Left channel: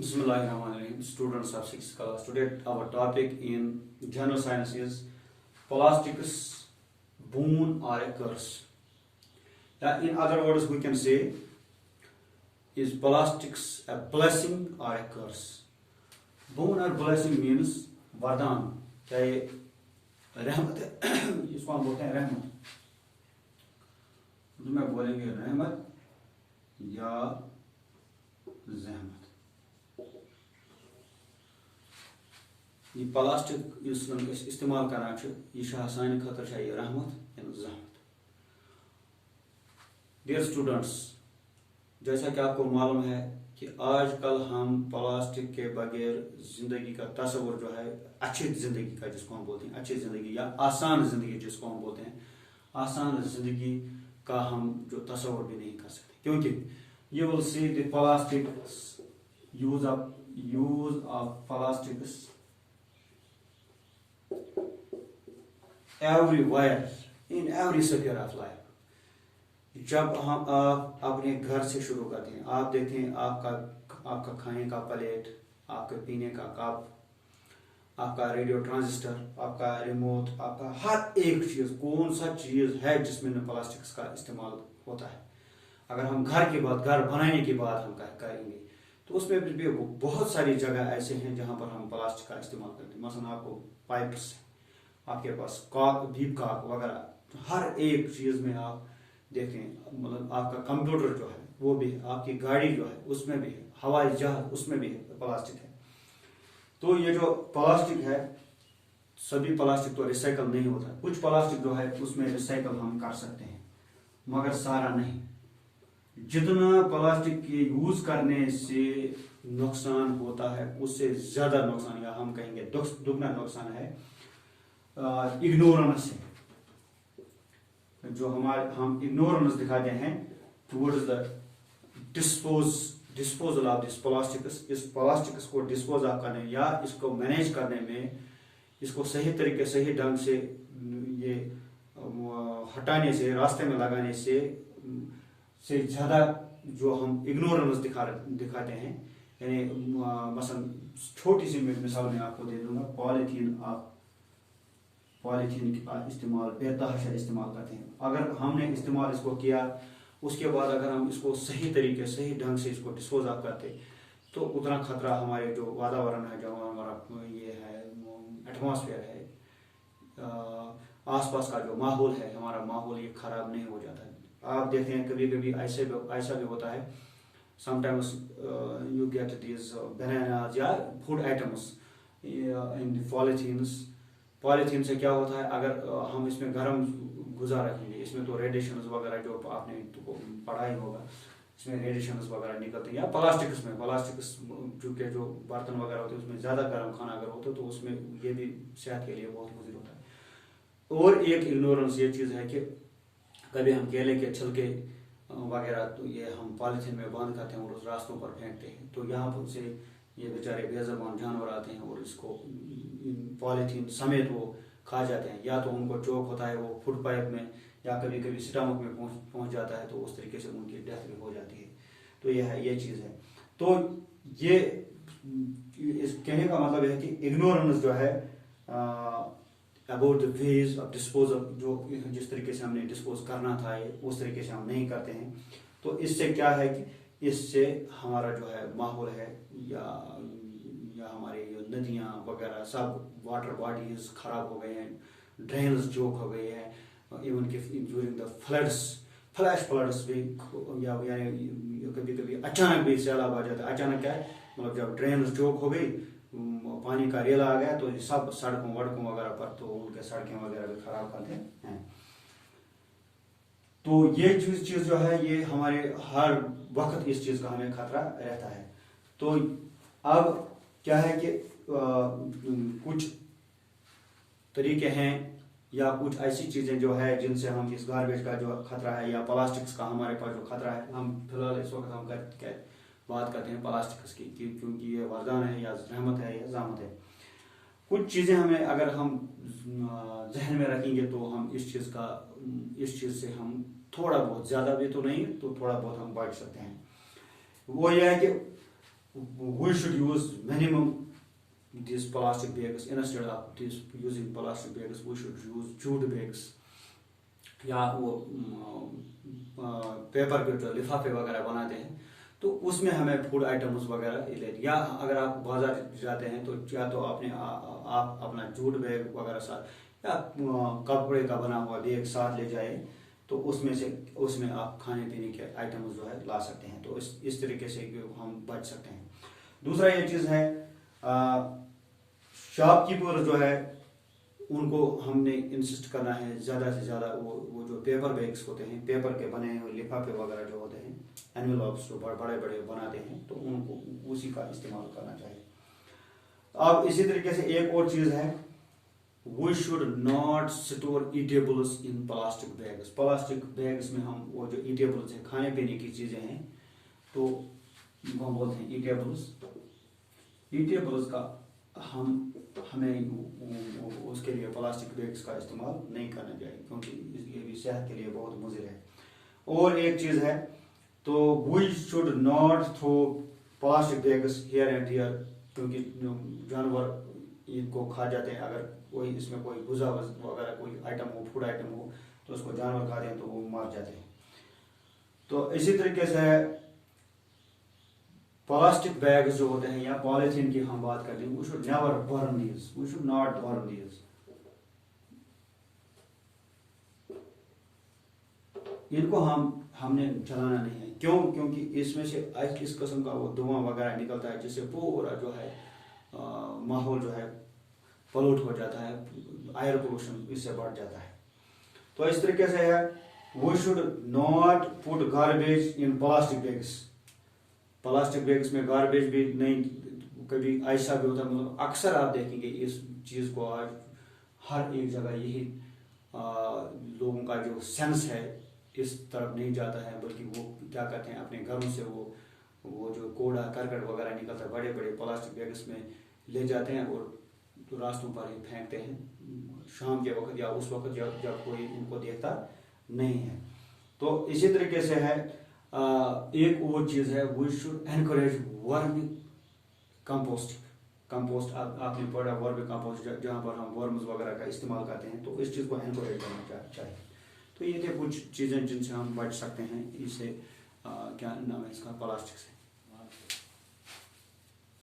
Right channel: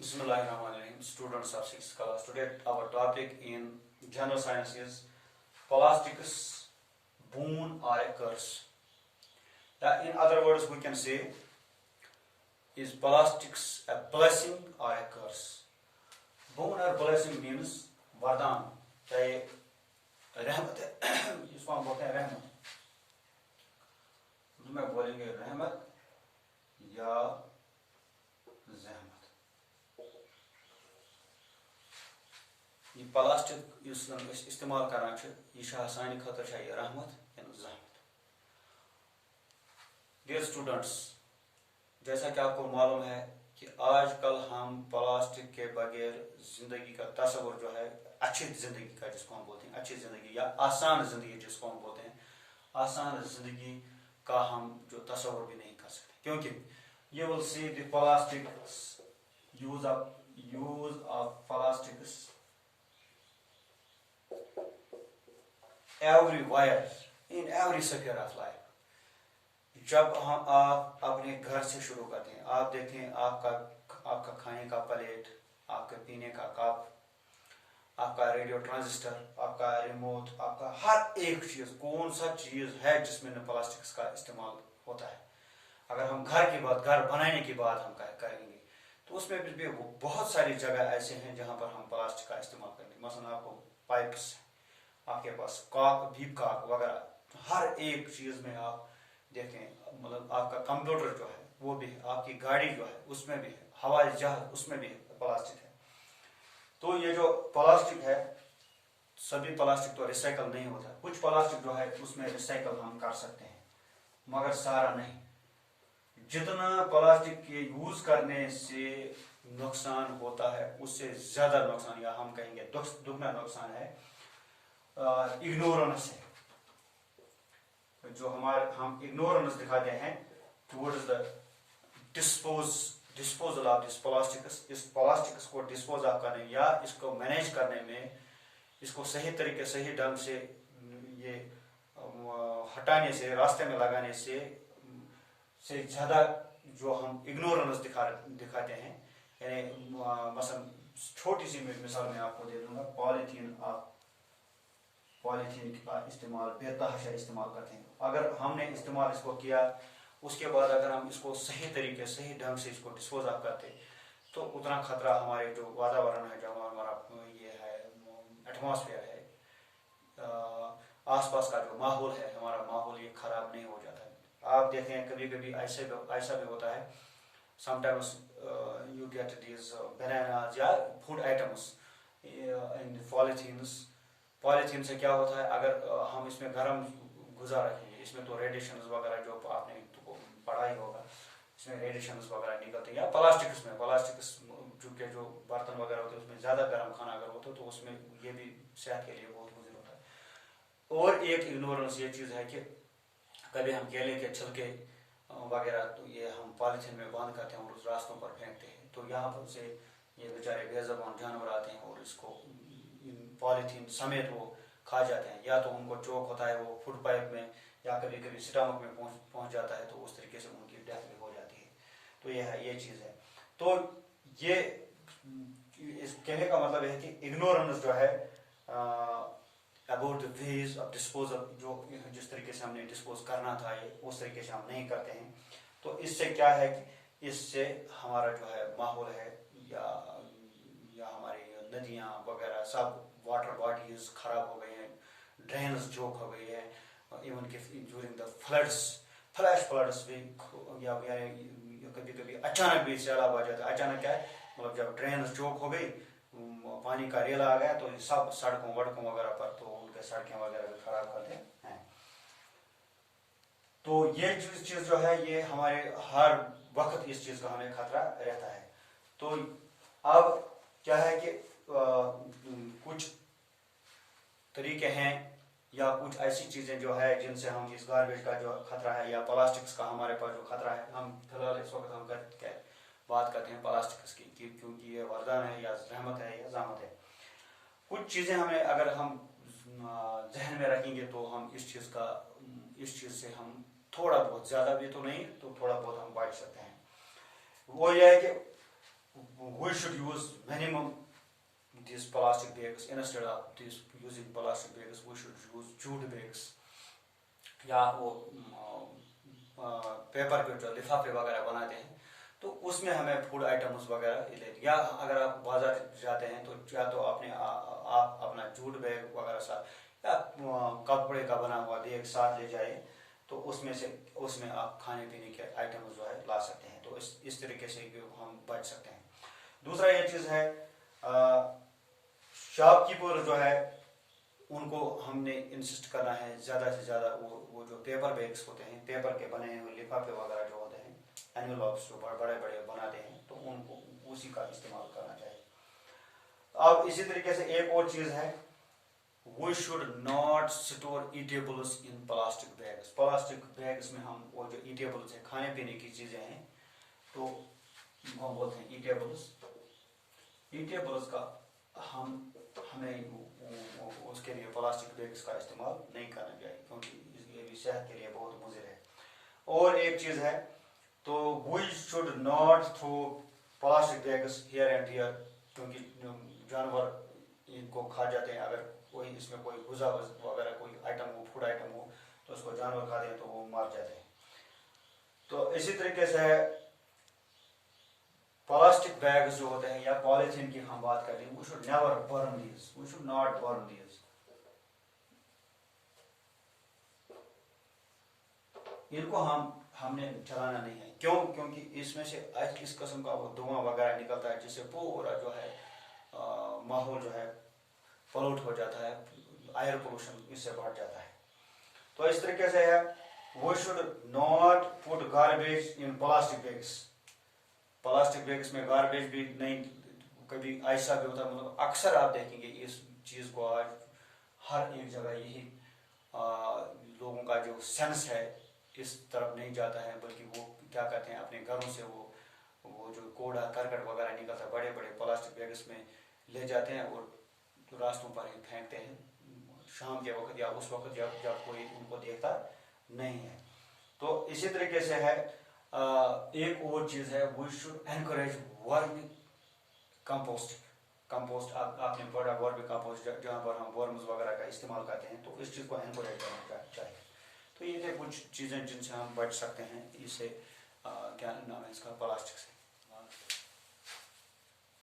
Bismillahirrahmanirrahim. Students of 6th class. Today our topic in general science is plastics boon or a curse. In other words, we can say, is plastics a blessing or a curse? Boon or blessing means वरदान, चाहे रहमत है, जिसको हम बोलते हैं रहमत, तो में बोलेंगे रहमत या जहमत. ये प्लास्टिक इस्तेमाल करान यह सानि खतर रहमत या जहमत. डियर स्टूडेंट्स, जैसा कि आपको मालूम है कि आजकल हम प्लास्टिक के बगैर जिंदगी का तस्वुर जो है, अच्छी जिंदगी का जिसको हम बोलते हैं अच्छी जिंदगी या आसान जिंदगी जिसको हम बोलते हैं आसान जिंदगी का, हम जो तस्वुर भी नहीं कर सकते, क्योंकि you will see the plastics use of plastics everywhere in every sphere of life. जब हम आप अपने घर से शुरू करते हैं, आप देखें आपका खाने का प्लेट, आपके पीने का कप, आपका रेडियो ट्रांजिस्टर, आपका रिमोट, आपका हर एक चीज, कौन सा चीज है जिसमें प्लास्टिक्स का इस्तेमाल होता है. अगर हम घर बनाने के बाद हम करेंगे तो उसमें भी बहुत सारी जगह ऐसे हैं जहां पर हम प्लास्टिक का इस्तेमाल करेंगे. मसलन आपको पाइप्स, आपके पास बीप कॉक वगैरह, हर एक चीज में आप देखें, मतलब आपका कंप्यूटर जो है वो भी, आपकी गाड़ी जो है उसमें भी है, हवाई जहाज उसमें भी है प्लास्टिक है. तो ये जो प्लास्टिक है, सभी प्लास्टिक तो रिसाइकल नहीं होता. कुछ प्लास्टिक जो है उसमें रिसाइकल हम कर सकते हैं, मगर सारा नहीं. जितना प्लास्टिक के यूज करने से नुकसान होता है उससे ज्यादा नुकसान, या हम कहेंगे दुगना नुकसान है इग्नोरेंस है. जो हम इग्नोरेंस दिखाते हैं towards the disposal of this plastics. इस प्लास्टिक्स को डिस्पोज ऑफ करने या इसको मैनेज करने में, इसको सही तरीके सही ढंग से ये हटाने से, रास्ते में लगाने से ज्यादा जो हम इग्नोरेंस दिखाते हैं, यानी मसलन छोटी सी मिसाल मैं आपको दे दूंगा. पॉलीथीन का इस्तेमाल बेतहाशा इस्तेमाल करते हैं. अगर हमने इस्तेमाल इसको किया, उसके बाद अगर हम इसको सही तरीके सही ढंग से इसको डिस्पोज ऑफ करते तो उतना खतरा हमारे जो वातावरण है, जो हमारा ये है एटमॉस्फेयर है, आसपास का जो माहौल है, हमारा माहौल ये खराब नहीं हो जाता है. आप देखते हैं कभी कभी ऐसा भी होता है, sometimes you get these bananas या फूड आइटम्स इन पॉलीथीन से क्या होता है, अगर हम इसमें गर्म गुजार रखेंगे, इसमें तो रेडिएशंस वगैरह जो आपने तो पढ़ा ही होगा, इसमें रेडिएशंस वगैरह निकलते हैं. या प्लास्टिक्स चूंकि जो बर्तन वगैरह होते हैं उसमें ज्यादा गर्म खाना अगर होता है तो उसमें ये भी सेहत के लिए बहुत मुज़िर होता है. और एक इग्नोरेंस ये चीज है कि कभी हम केले के छिलके वगैरह तो ये हम पॉलीथीन में बंद करते हैं और उस रास्तों पर फेंकते हैं. तो यहाँ पर से ये बेचारे बेज़बान जानवर आते हैं और इसको पॉलीथीन समेत वो खा जाते हैं. या तो उनको चोक होता है वो फूड पाइप में, या कभी कभी स्टमक में पहुंच जाता है, तो उस तरीके से उनकी डेथ भी हो जाती है. तो ये चीज है. तो ये इस कहने का मतलब है कि इग्नोरेंस जो है about the ways of disposal, जो जिस तरीके से हमने डिस्पोज करना था उस तरीके से हम नहीं करते हैं. तो इससे क्या है कि इससे हमारा जो है माहौल है या हमारी नदियां वगैरह सब वाटर बॉडीज खराब हो गए हैं, ड्रेन्स चोक हो गई है. इवन कि ड्यूरिंग द फ्लैश फ्लड्स भी, या कभी कभी अचानक भी सैलाब आ जाता है. अचानक क्या है, मतलब जब ड्रेन्स चोक हो गई, पानी का रेला आ गया, तो सब सड़कों वगैरह पर तो उनके सड़कें वगैरह भी खराब करते हैं. तो ये चीज जो है ये हमारे हर वक्त इस चीज का हमें खतरा रहता है. तो अब क्या है कि कुछ तरीके हैं या कुछ ऐसी चीजें जो है जिनसे हम इस गार्बेज का जो खतरा है या प्लास्टिक्स का हमारे पास जो खतरा है, हम फिलहाल इस वक्त हम बात करते हैं प्लास्टिक्स की, क्योंकि ये वरदान है या रहमत है या ज़हमत है. कुछ चीजें हमें अगर हम जहन में रखेंगे तो हम इस चीज से हम थोड़ा बहुत, ज्यादा भी तो नहीं, तो थोड़ा बहुत हम बच सकते हैं. वो यह है कि we should use minimum these plastic bags. Instead of this using plastic bags, we should use jute bags, या वो पेपर के जो लिफाफे वगैरह बनाते हैं तो उसमें हमें फूड आइटम्स वगैरह ले, या अगर आप बाजार जाते हैं तो या तो आप अपना जूट बैग वगैरह साथ या कपड़े का बना हुआ बैग साथ ले जाए, तो उसमें आप खाने पीने के आइटम्स जो है ला सकते हैं। तो इस तरीके से हम बच सकते हैं। दूसरा ये चीज है, शॉपकीपर जो है उनको हमने इंसिस्ट करना है ज्यादा से ज्यादा वो जो पेपर बैग्स होते हैं, पेपर के बने हुए लिफाफे वगैरह जो होते हैं, एनवेलप्स जो बड़े बड़े बनाते हैं, तो उनको उसी का इस्तेमाल करना चाहिए। अब इसी तरीके से एक और चीज है, we should not store eatables in plastic bags. Plastic bags में हम वो जो ईटेबल्स हैं, खाने पीने की चीजें हैं, तो हम बोलते हैं ईटेबल्स का हमें उसके लिए प्लास्टिक बैग्स का इस्तेमाल नहीं करना चाहिए, क्योंकि ये भी सेहत के लिए बहुत मुज़िर है। और एक चीज है, तो we should not throw plastic bags here and here, क्योंकि जानवर इनको खा जाते हैं। अगर कोई इसमें कोई गुजा वगैरह कोई आइटम हो, फूड आइटम हो, तो उसको जानवर खाते हैं तो वो मार जाते हैं। तो इसी तरीके से प्लास्टिक बैग्स जो होते हैं या पॉलिथीन की हम बात करते हैं, we should never burn these, we should not burn these. इनको हमने जलाना नहीं है। क्यों? क्योंकि इसमें से इस किस्म का वो धुआं वगैरह निकलता है, जिससे पूरा जो है माहौल जो है पॉल्यूट हो जाता है, एयर पोल्यूशन इससे बढ़ जाता है। तो इस तरीके से है, we should not put garbage in plastic bags. Plastic bags में गार्बेज भी नहीं, कभी ऐसा भी होता है, मतलब अक्सर आप देखेंगे इस चीज को आज हर एक जगह यही लोगों का जो सेंस है इस तरफ नहीं जाता है, बल्कि वो क्या करते हैं, अपने घरों से वो जो कूड़ा करकट वगैरह निकलता है बड़े बड़े प्लास्टिक बैग्स में ले जाते हैं और तो रास्तों पर ही फेंकते हैं शाम के वक्त या उस वक्त जब कोई उनको देखता नहीं है। तो इसी तरीके से है, एक और चीज है, we should encourage vermicompost आपने पढ़ा, वर्मी कंपोस्ट जहाँ पर हम वर्म्स वगैरह का इस्तेमाल करते हैं, तो इस चीज को एनकरेज करना चाहिए। तो ये थे कुछ चीजें जिनसे हम बच सकते हैं इससे क्या नाम है इसका, प्लास्टिक से।